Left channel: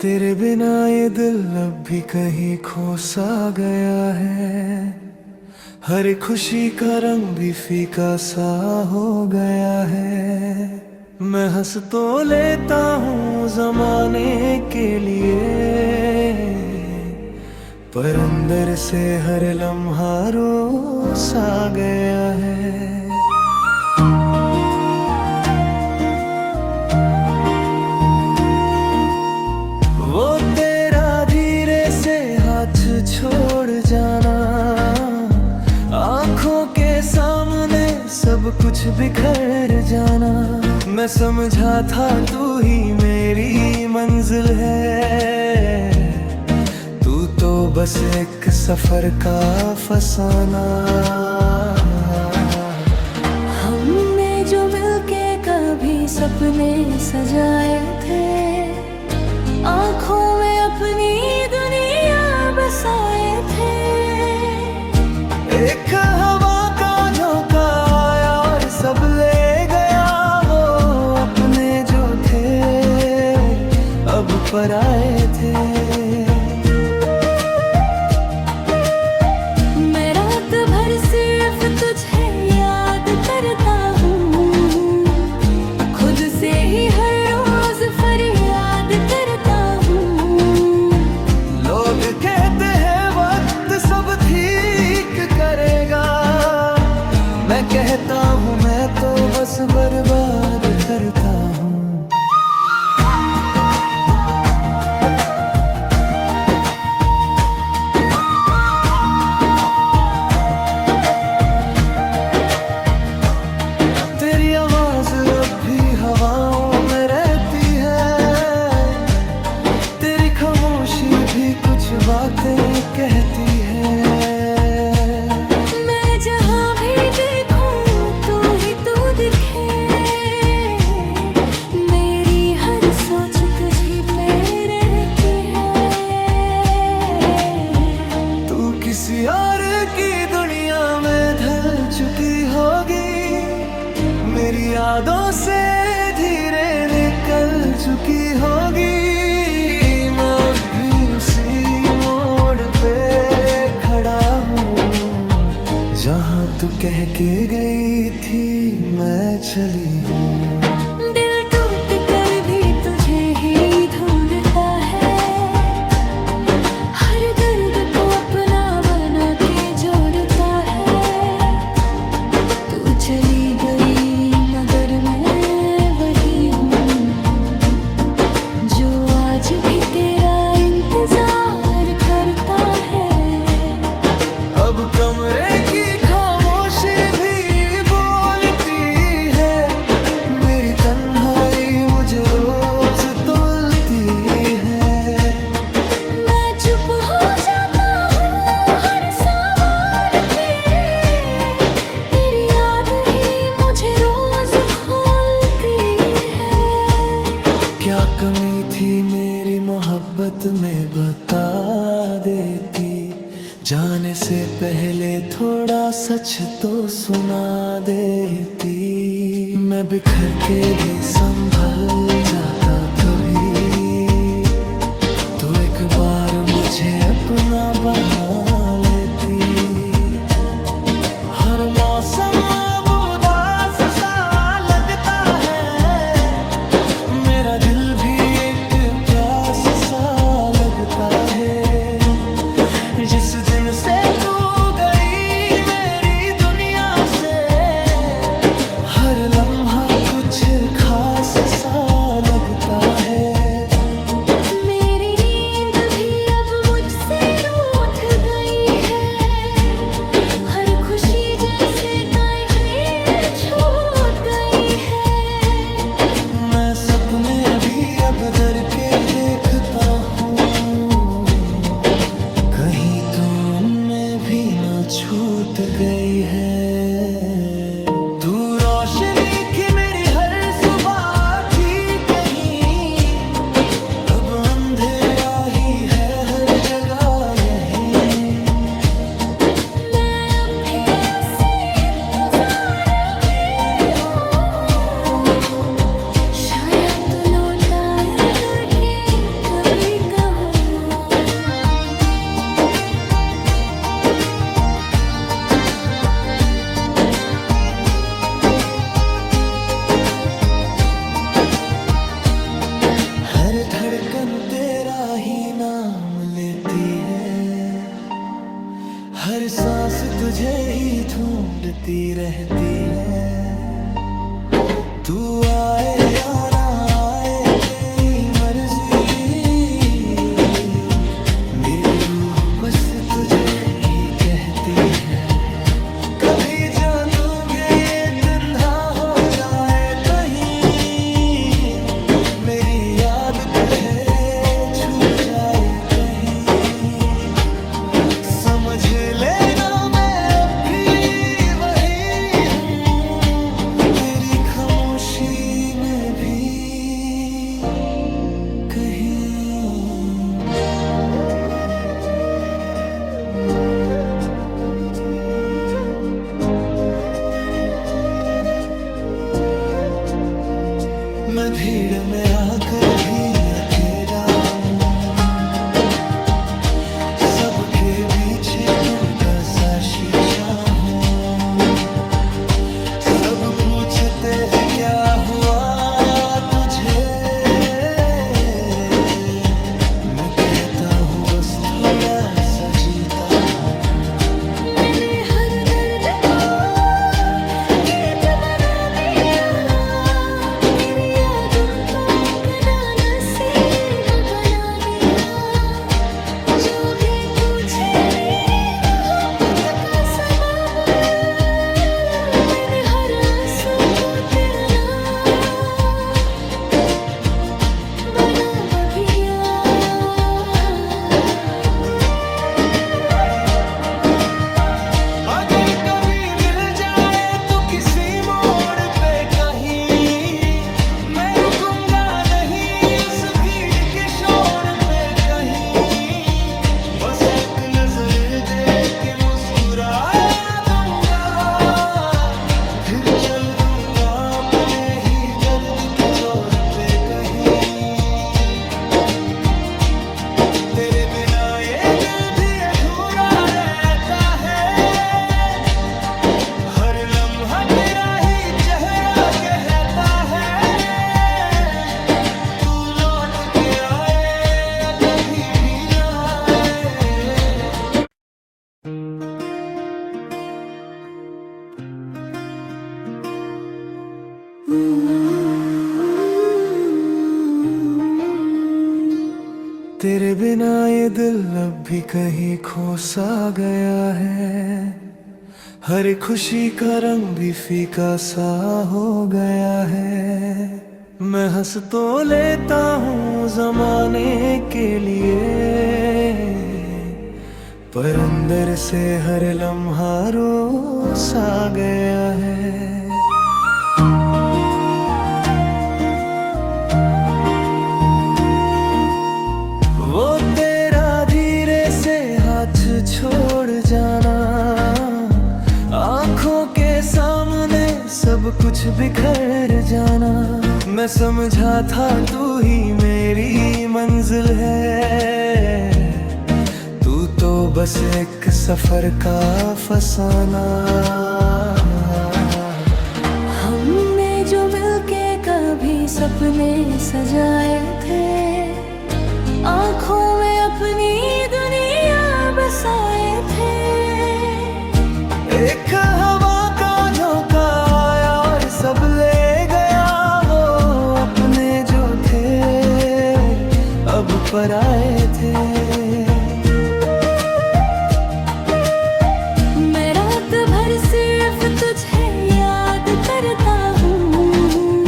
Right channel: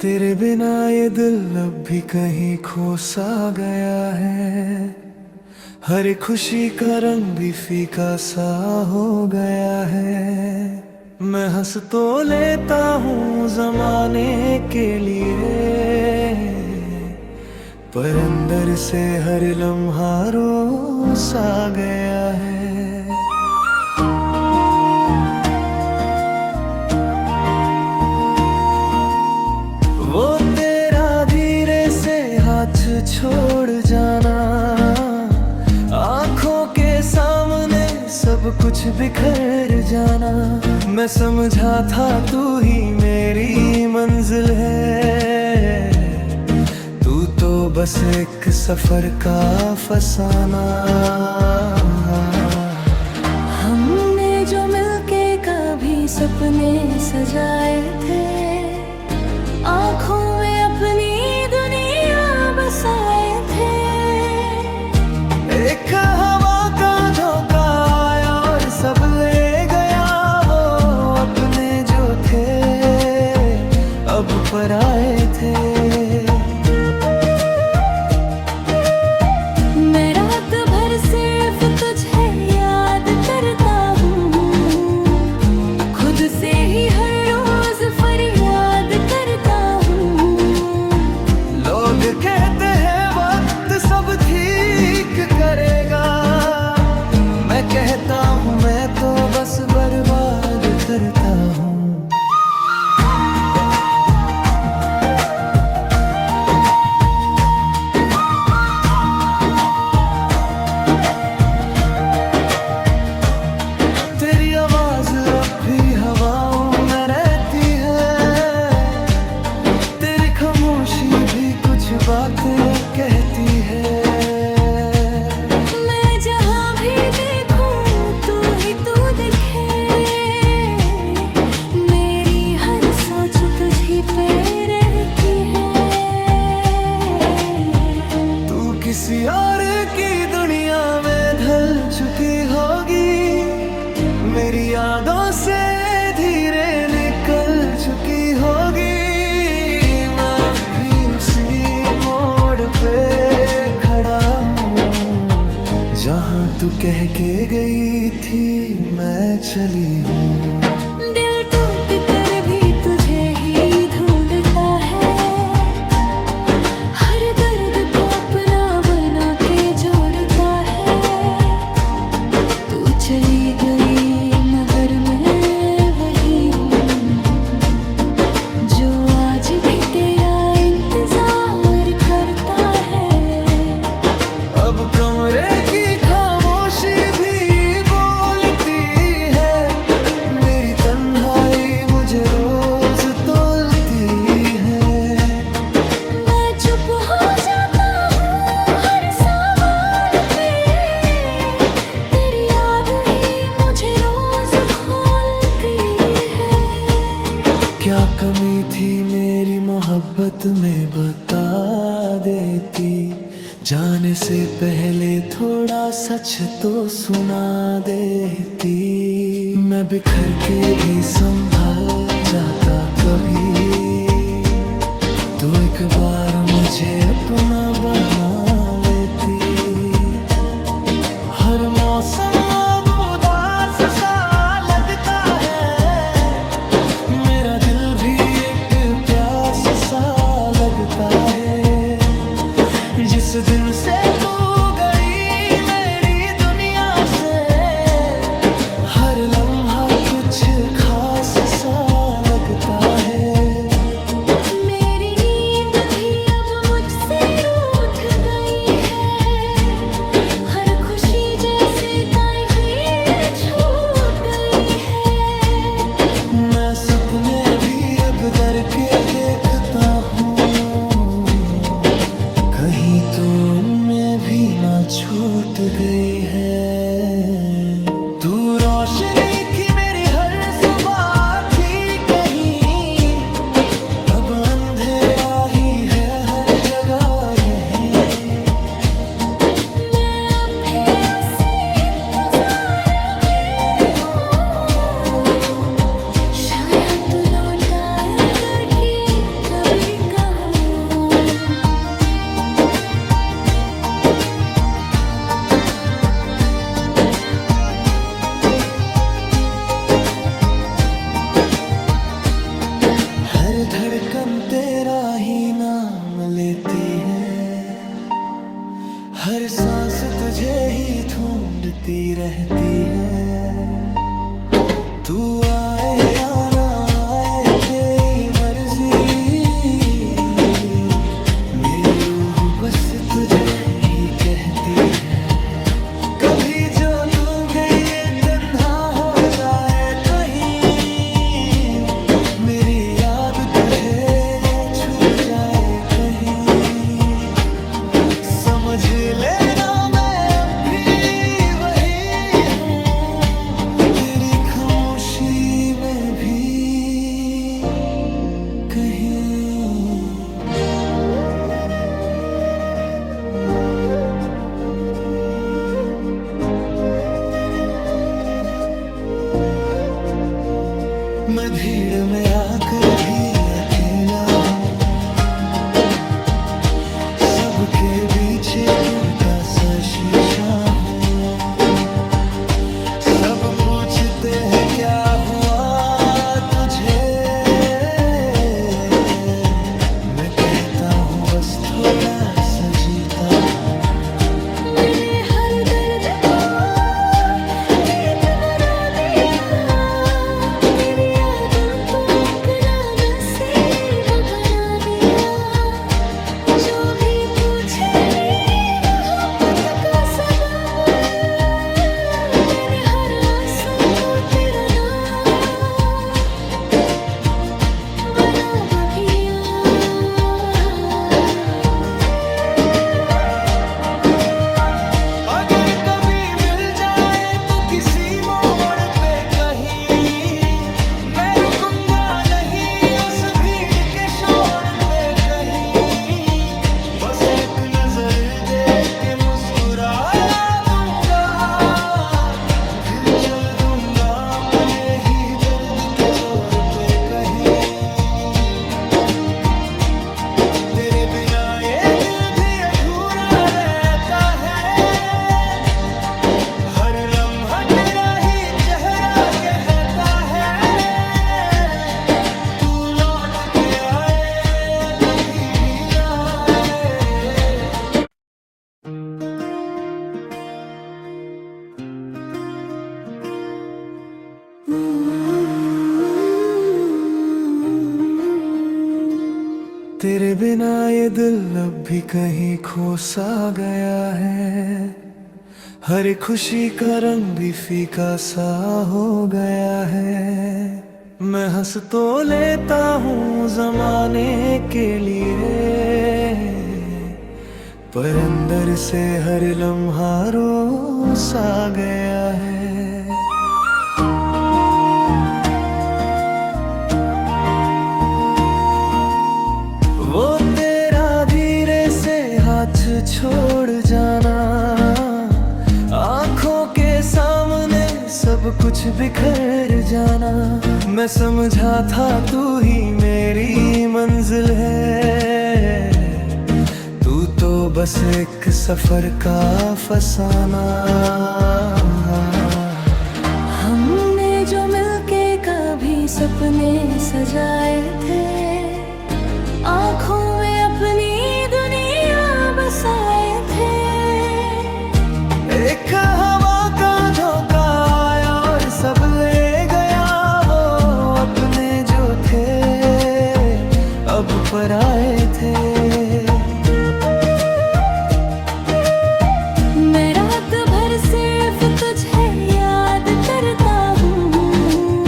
तेरे बिना ये दिल अब भी कहीं खो सा गया है। हर खुशी का रंग भी फीका सा हो गया है। मैं हंस तो लेता हूँ जमाने के लिए, पर अंदर से हर लम्हा रो सा गया है। वो तेरा धीरे से हाथ छोड़ जाना, आंखों के सामने सब कुछ बिखर जाना। मैं समझा था तू ही मेरी मंजिल है, तू तो बस एक सफर का फसाना। हमने जो मिलके कभी सपने सजाए थे, आँखों में अपनी दुनिया बसाए थे। एक हवा का झोंका आया और सब ले गया, वो अपने जो थे अब पराए थे। मैं रात भर सिर्फ तुझे याद करता हूँ, खुद से ही हर रोज फरियाद करता हूँ। लोग कहते हैं वक्त सब ठीक करेगा, मैं कहता हूँ मैं तो बस बर्बाद करता हूँ। तेरी आवाज अब भी हवाओं में रहती है, तेरी खामोशी भी कुछ बातें कहती है। मैं जहाँ भी देखूं तू दिखे, मेरी हर सोच तुझी पे रहती है। तू किसी और की दुनिया में ढल चुकी होगी, मेरी यादों से धीरे निकल चुकी होगी। मैं अब भी उसी मोड़ पे खड़ा हूँ, जहाँ तू कह के गई थी मैं चली हूँ। दिल टूट कर भी तुझे ही ढूंढता है, हर दर्द को अपना बना के जोड़ता है। तू चली गई मगर मैं वही हूँ, जो आज भी तेरा इंतजार करता है। अब कमरे की खामोशी भी बोलती है, मेरी तन्हाई मुझे रोज तोलती है। मैं चुप हो जाता हूँ हर सवाल पे, तेरी याद ही मुझे रोज खोलती है। क्या कमी थी मेरी मोहब्बत में बता देती, जाने से पहले थोड़ा सच तो सुना देती। मैं बिखर के भी संभल जाता कभी, तो एक बार मुझे अपना बना लेती। हर मौसम अब उदास सा लगता है, मेरा दिल भी एक प्यास सा लगता है। जिस दिन से तू गई मेरी दुनिया से, हर लम्हा कुछ खास सा लगता है। मेरी नींद भी अब मुझसे रूठ गई है, हर खुशी जैसे कहीं छूट गई है। मैं सपने भी अब डर के देखता हूँ, कहीं तो उनमें भी ना छूट गई है। तू रोशनी थी मेरी हर सुबह की, कहीं अब अंधेरा ही है हर जगह यहीं। मैं अब भी उसी इंतजार में हूँ, शायद तू लौटा करके कभी धड़कन तेरा ही नाम लेती है, हर सांस तुझे ही ढूंढती रहती है। तू आए या ना आए तेरी मर्जी, मेरी रूह बस तुझे ही कहती है। कभी जो दूंगे ये तन्हा हो जाए कहीं, मेरी याद तुझे छू जाए कहीं, समझ लेना मैं अब भी वही हूँ, तेरी खामोशी में भी कहीं। मैं भीड़ में आकर भी अकेला हूँ, सबके बीच टूटा सा शीशा हूँ। सब पूछते हैं क्या हुआ तुझे, मैं कहता हूँ बस थोड़ा सा जीता हूँ। मैंने हर दर्द को गीत बना दिया, तेरी यादों को अपना नसीब बना दिया। जो भी पूछे मेरी मोहब्बत का सबब, मैंने हर आंसू को तेरा नाम बना बगिया। अगर कभी मिल जाए तो किसी मोड़ पे कहीं, मैं रुकूंगा नहीं उस भीड़ के शोर पे कहीं, बस एक नजर दे के मुस्कुरा दूंगा, फिर चल दूंगा अपने ही दर्द पे जोर पे कहीं। तेरे बिना ये दिल भी अधूरा रहता है, हर लम्हा तेरा ही चेहरा कहता है, तू लौट के आए या कभी भी ना आए। तेरे बिना ये दिल अब भी कहीं खो सा गया है, हर खुशी का रंग भी फीका सा हो गया है। मैं हंस तो लेता हूँ जमाने के लिए, पर अंदर से हर लम्हा रो सा गया है। वो तेरा धीरे से हाथ छोड़ जाना, आंखों के सामने सब कुछ बिखर जाना। मैं समझा था तू ही मेरी मंजिल है, तू तो बस एक सफर का फसाना। हमने जो मिलके कभी सपने सजाए थे, आँखों में अपनी दुनिया बसाए थे। एक हवा का झोंका आया और सब ले गया, वो अपने जो थे अब पराए थे। मैं रात भर सिर्फ तुझे याद करता हूँ,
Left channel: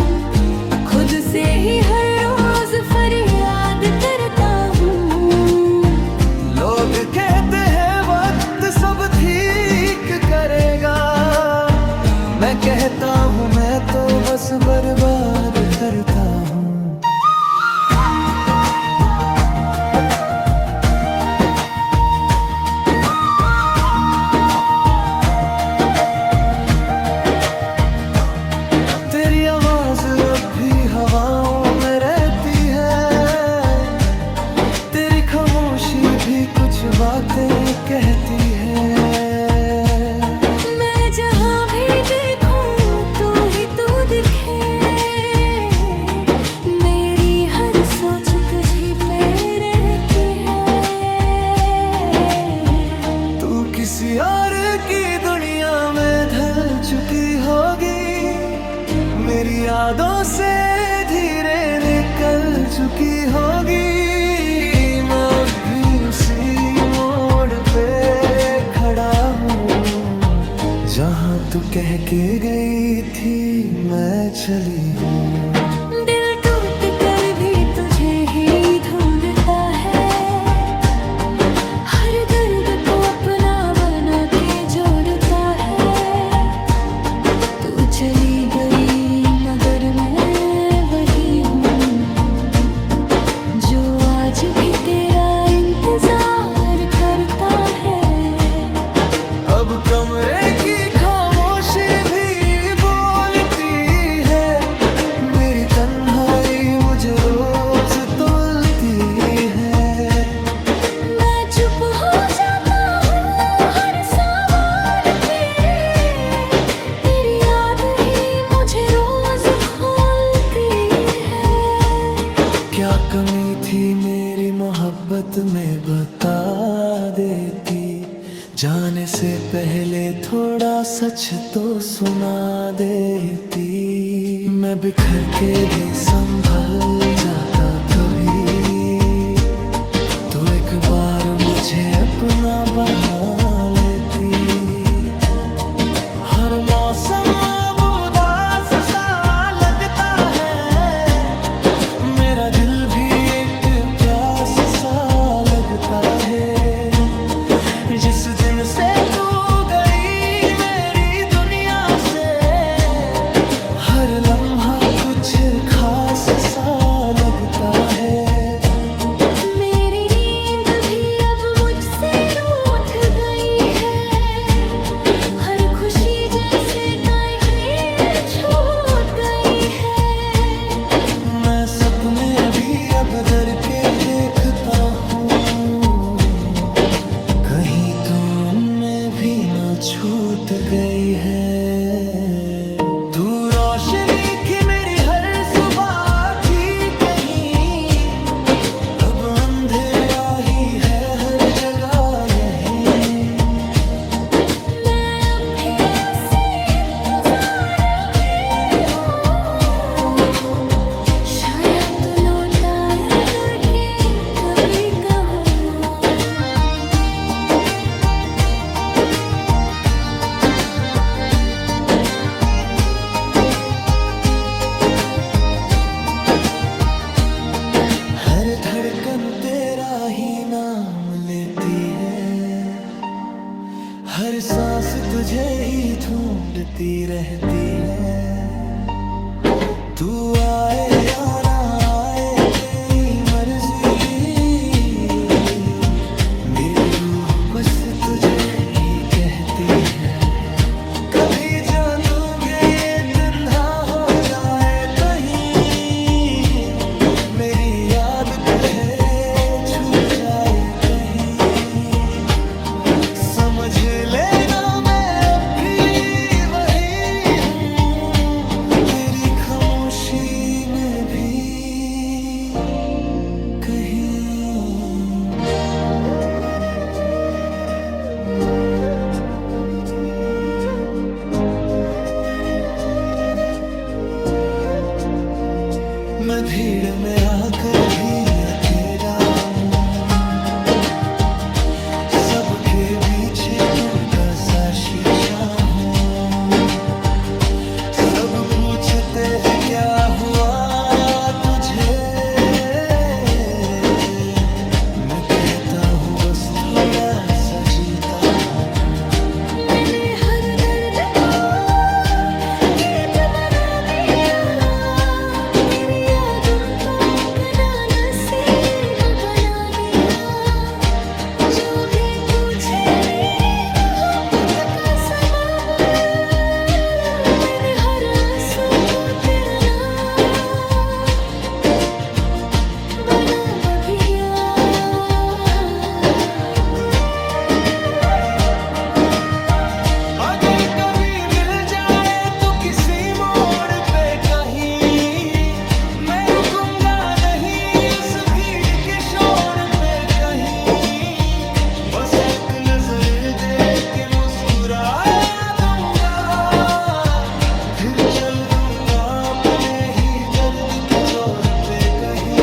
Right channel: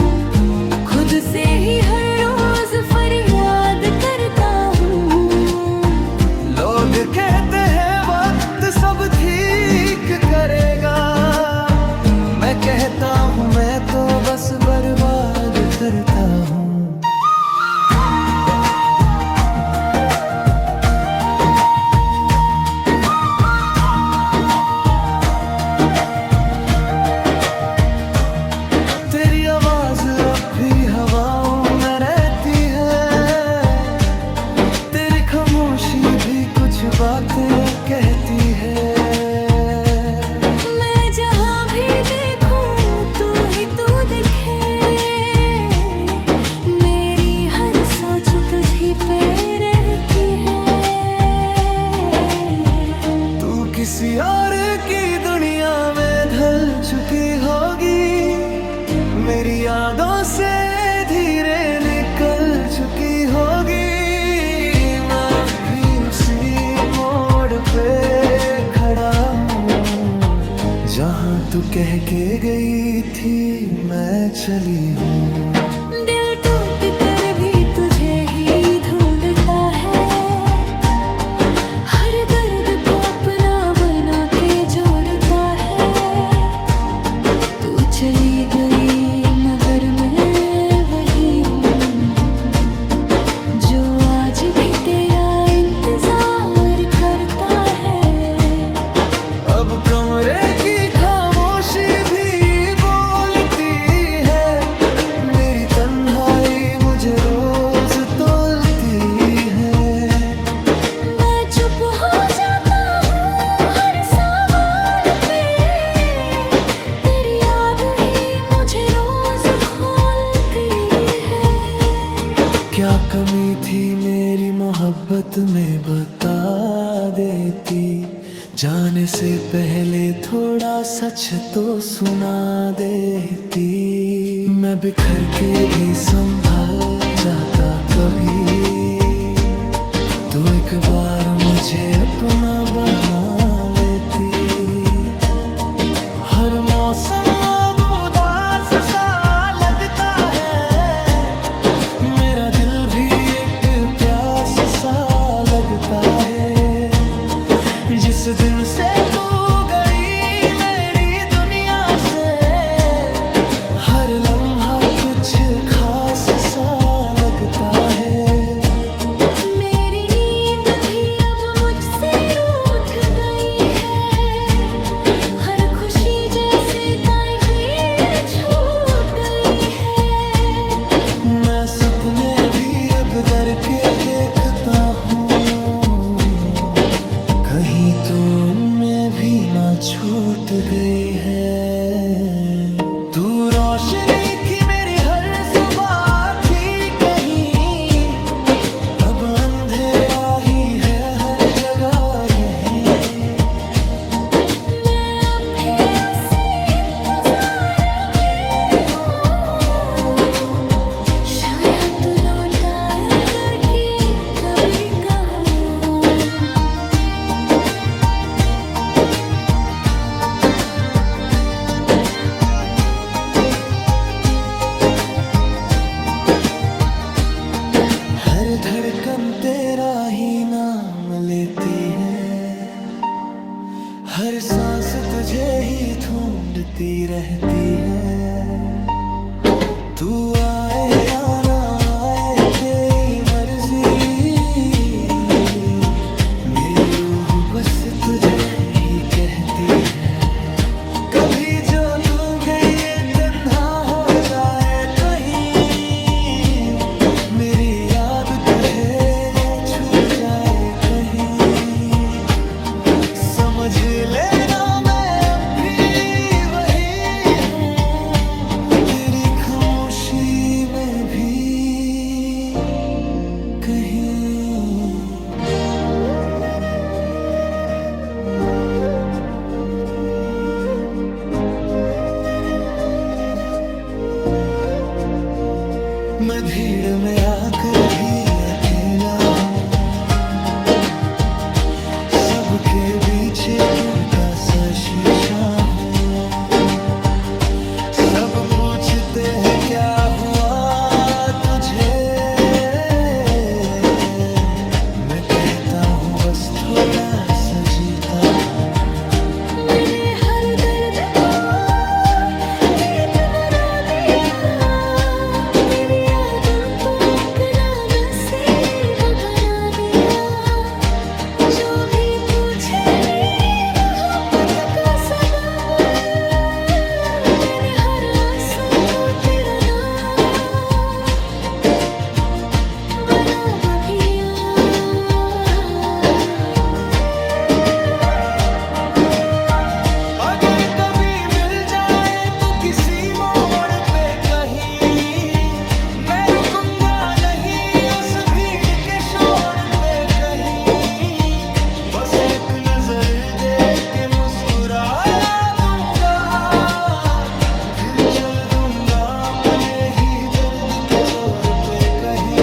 खुद से ही हर रोज फरियाद करता हूँ। लोग कहते हैं वक्त सब ठीक करेगा, मैं कहता हूँ मैं तो बस बर्बाद करता हूँ। तेरी आवाज अब भी हवाओं में रहती है, तेरी खामोशी भी कुछ बातें कहती है। मैं जहाँ भी देखूं तू ही तू दिखे, मेरी हर सोच तुझी किसी और की दुनिया में ढल चुकी होगी, मेरी यादों से धीरे निकल चुकी होगी। मैं अब भी उसी मोड़ पे खड़ा हूँ, जहाँ तू कह के गई थी मैं चली हूँ। दिल टूट कर भी तुझे ही ढूंढता है, हर दर्द को अपना बना के जोड़ता है। तू चली गई मगर मैं वही हूँ, जो आज भी तेरा इंतजार करता है। अब कमरे की खामोशी भी बोलती है, मेरी तन्हाई मुझे रोज तोलती है। मैं चुप हो जाता हूँ हर सवाल पे, तेरी याद ही मुझे रोज खोलती है। क्या कमी थी मेरी मोहब्बत में बता देती, जाने से पहले थोड़ा सच तो सुना देती। मैं बिखर के भी संभल जाता कभी, तो एक बार मुझे अपना बना लेती। हर मौसम अब उदास सा लगता है, मेरा दिल भी एक प्यास सा लगता है। जिस दिन से तू गई मेरी दुनिया से, हर लम्हा कुछ खास सा लगता है। मेरी नींद भी अब मुझसे रूठ गई है, हर खुशी जैसे कहीं छूट गई है। मैं सपने भी अब डर के देखता हूँ, कहीं तो उनमें भी ना छूट गई है। तू रोशनी थी मेरी हर सुबह की कहीं, अब अंधेरा ही है हर जगह यहीं। मैं अब भी उसी इंतजार में हूँ, शायद तू लौटा करके कभी कहूँ। हर धड़कन तेरा ही नाम लेती है, हर सांस तुझे ही ढूंढती रहती है। तू आए या ना आए तेरी मर्जी, मेरी रूह बस तुझे ही कहती है। कभी जो तू गई तन्हा हो जाए कहीं, मेरी याद तुझे छू जाए कहीं, समझ लेना मैं अब भी वही हूँ, तेरी खामोशी में भी कहीं। मैं भीड़ में आकर भी अकेला हूँ, सबके बीच टूटा सा शीशा हूँ। सब पूछते हैं क्या हुआ तुझे, मैं कहता हूँ बस थोड़ा सा जीता हूँ। मैंने हर दर्द को गीत बना दिया, तेरी यादों को अपना नसीब बना दिया। जो भी पूछे मेरी मोहब्बत का सबब, मैंने हर आंसू को तेरा नाम बना बगिया। एक नजर दे के मुस्कुरा दूंगा, फिर चल दूंगा अपने ही दर्द के जोर पे कहीं।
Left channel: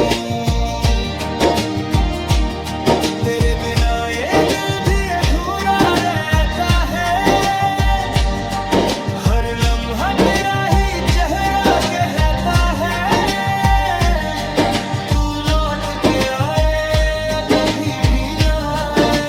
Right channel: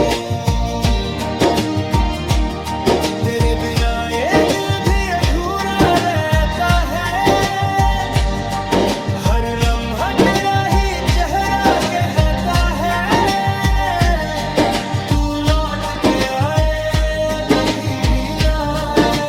तेरे बिना ये दिल भी अधूरा रहता है, हर लम्हा तेरा ही चेहरा कहता है तू लौट के आए या कभी भी ना आए।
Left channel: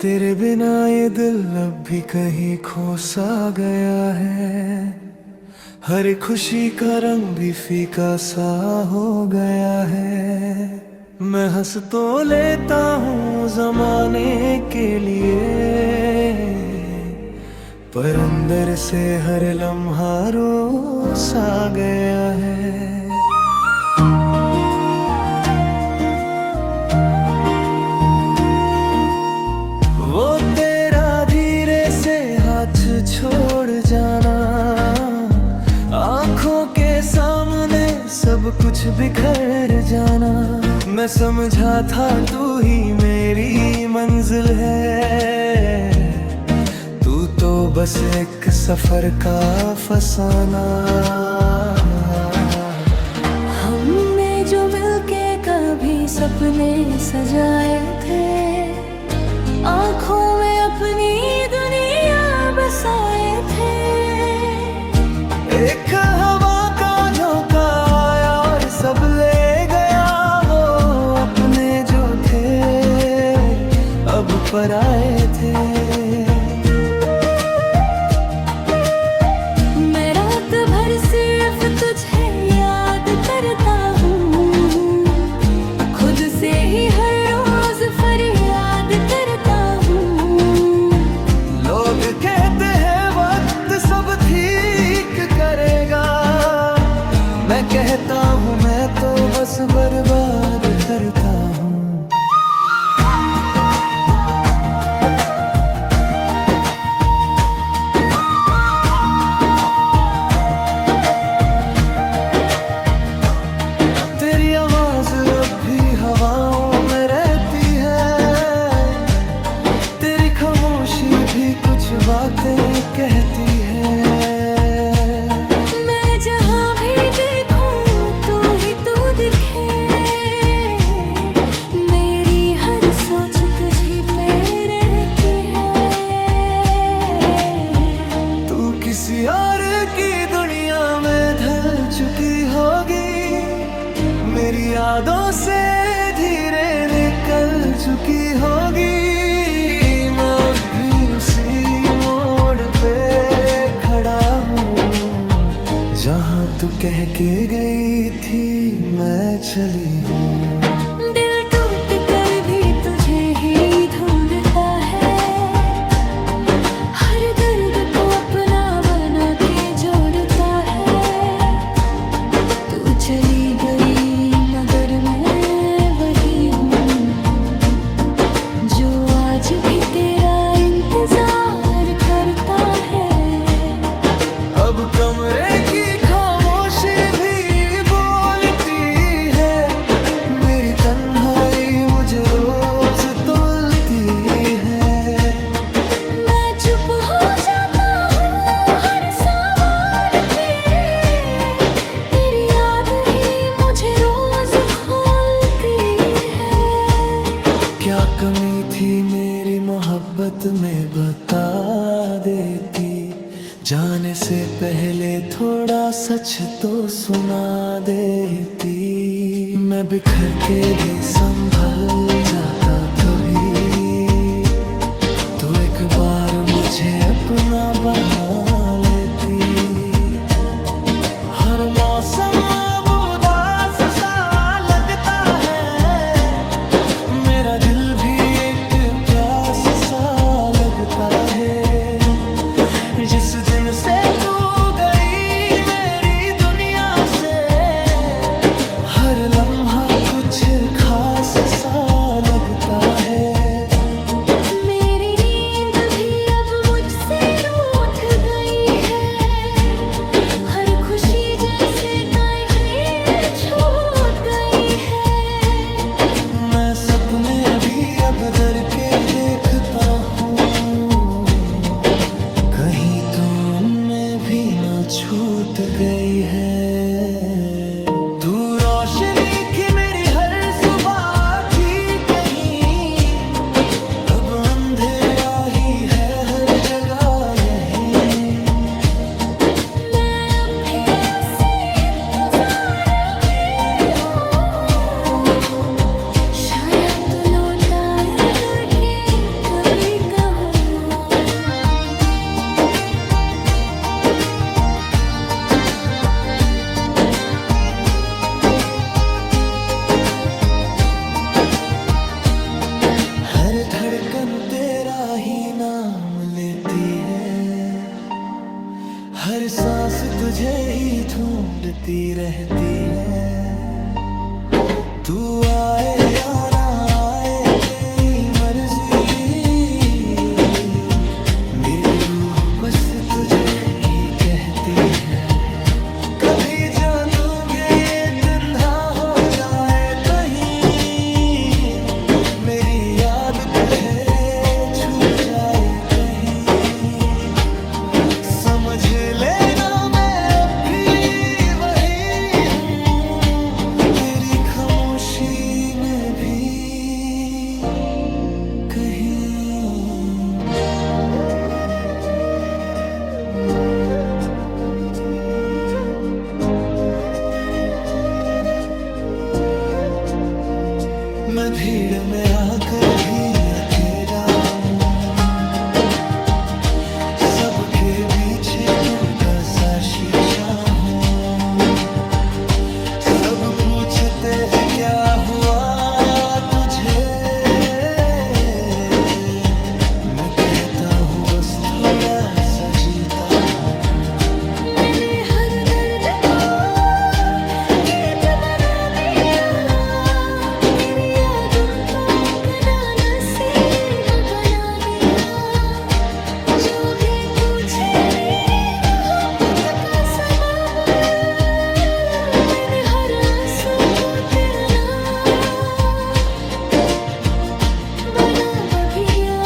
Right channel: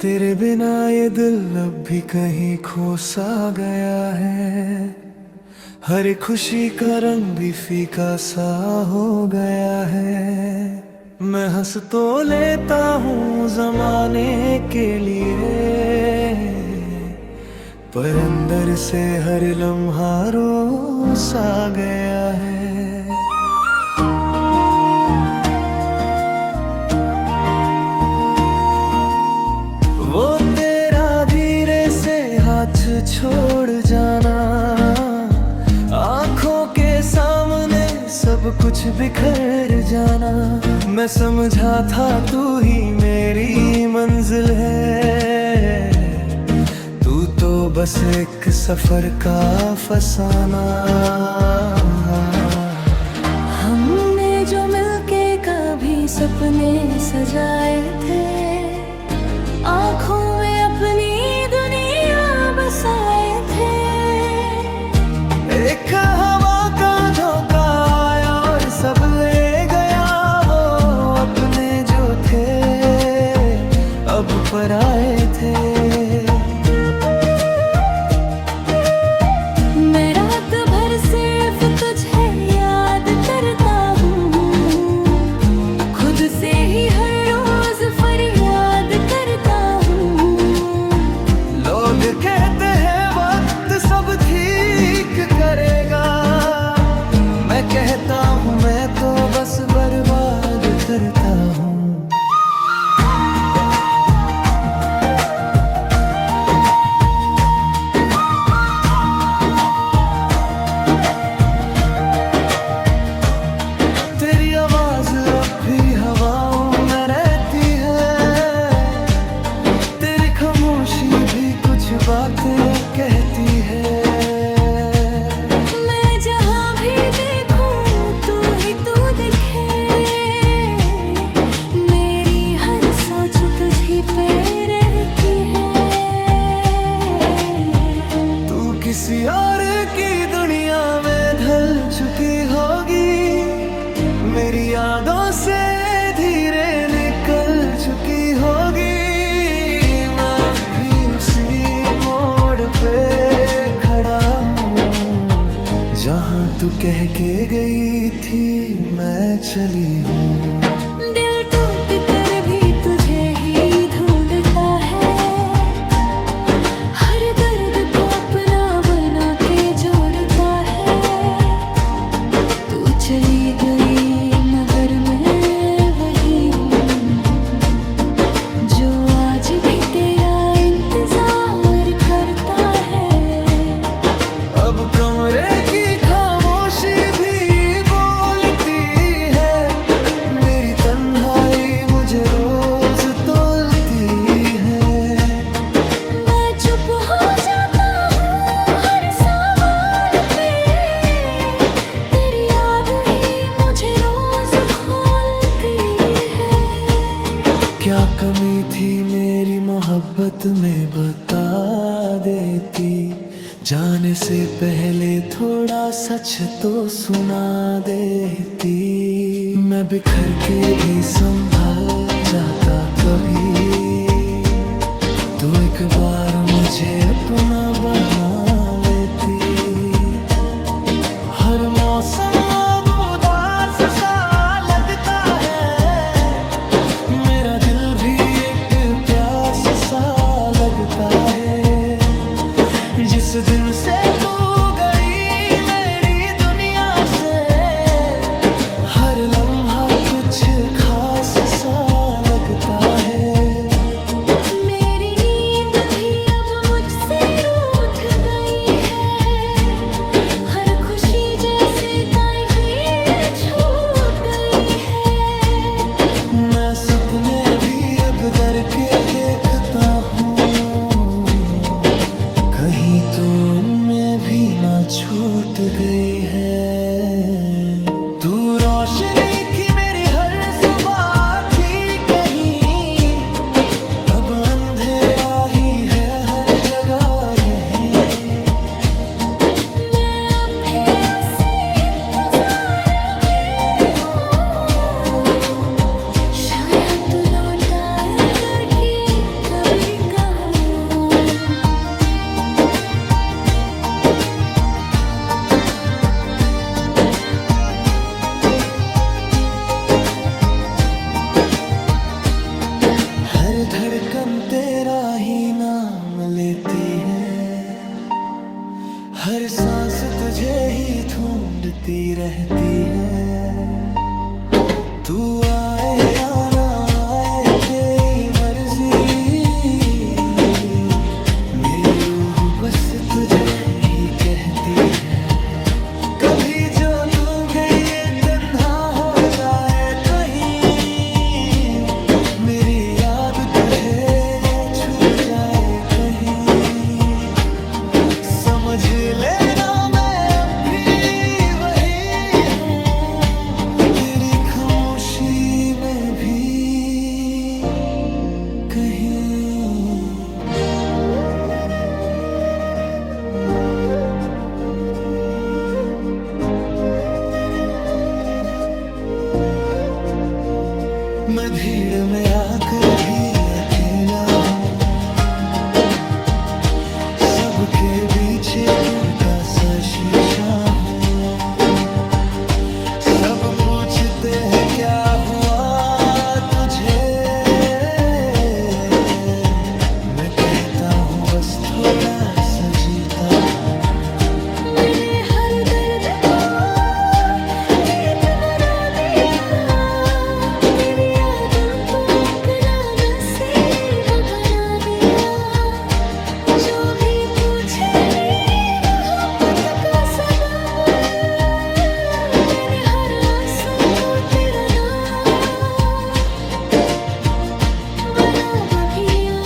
तेरे बिना ये दिल अब भी कहीं खो सा गया है, हर खुशी का रंग भी फीका सा हो गया है। मैं हंस तो लेता हूँ जमाने के लिए, पर अंदर से हर लम्हा रो सा गया है। वो तेरा धीरे से हाथ छोड़ जाना, आंखों के सामने सब कुछ बिखर जाना। मैं समझा था तू ही मेरी मंजिल है, तू तो बस एक सफर का फसाना। हमने जो मिलके कभी सपने सजाए थे, आँखों में अपनी दुनिया बसाए थे। एक हवा का झोंका आया और सब ले गया, वो अपने जो थे अब पराए थे। मैं रात भर सिर्फ तुझे याद करता हूँ, खुद से ही हर रोज फरियाद करता हूँ। लोग कहते हैं वक्त सब ठीक करेगा, मैं कहता हूँ मैं तो बस बर्बाद करता हूँ। तेरी आवाज अब भी हवाओं में रहती है, तेरी खामोशी भी कुछ बातें कहती है। मैं जहाँ भी देखूं तू ही तू दिखे, मेरी हर सोच तुझी पे रहती है। तू किसी और की दुनिया में ढल चुकी होगी, मेरी यादों से धीरे निकल चुकी होगी। मैं अब भी उसी मोड़ पे खड़ा हूँ, जहाँ तू कह के गई थी मैं चली हूँ। दिल टूट कर भी तुझे ही ढूंढता है, हर दर्द को अपना बना के जोड़ता है। तू चली गई मगर मैं वही हूँ, जो आज भी तेरा इंतजार करता है। अब कमरे की खामोशी भी बोलती है, मेरी तन्हाई मुझे रोज तोलती है। मैं चुप हो जाता हूँ हर सवाल पे, तेरी याद ही मुझे रोज खोलती है। क्या कमी थी मेरी मोहब्बत में बता देती, जाने से पहले थोड़ा सच तो सुना देती। मैं बिखर के भी संभल जाता कभी, तो एक बार मुझे अपना बना लेती। हर मौसम अब उदास सा लगता है, मेरा दिल भी एक प्यास सा लगता है। जिस दिन से तू गई मेरी दुनिया से, हर लम्हा कुछ खास सा लगता है। मेरी नींद भी अब मुझसे बदर के देखता हूँ, कहीं तो उनमें भी ना छूट गई है। तू रोशनी की मेरी हर सुबह की, कहीं अब अंधेरा ही है हर जगह यहीं। मैं अभी उसी इंतजार में हूँ, शायद तू लौट आए करके कभी कहूँ। हर धड़कन तेरा ही नाम लेती है, हर सांस तुझे ही ढूंढती रहती है। तू आए या ना आए तेरी मर्जी, मेरी रूह बस तुझे ही कहती है। कभी जो तू गई तन्हा हो जाए कहीं, मेरी याद तुझे छू जाए कहीं, समझ लेना मैं अब भी वही हूँ, तेरी खामोशी में भी कहीं। मैं भीड़ में आकर भी अकेला हूँ, सबके बीच टूटा सा शीशा हूँ। सब पूछते हैं क्या हुआ तुझे, मैं कहता हूँ बस थोड़ा सा जीता हूँ। मैंने हर दर्द को गीत बना दिया, तेरी यादों को अपना नसीब बना दिया। जो भी पूछे मेरी मोहब्बत का सबब, मैंने हर आंसू को तेरा नाम बना बगिया।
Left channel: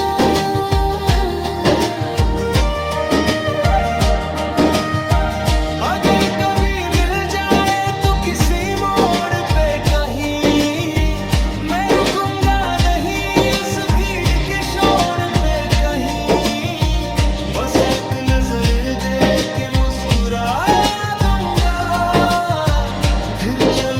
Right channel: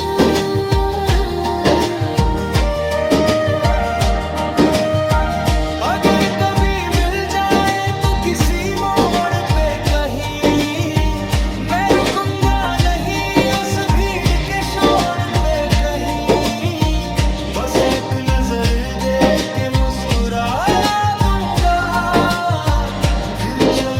अगर कभी मिल जाए तो किसी मोड़ पे कहीं, मैं रुकूंगा नहीं उस भीड़ के शोर पे कहीं। बस एक नजर दे के मुस्कुरा दूंगा, फिर चल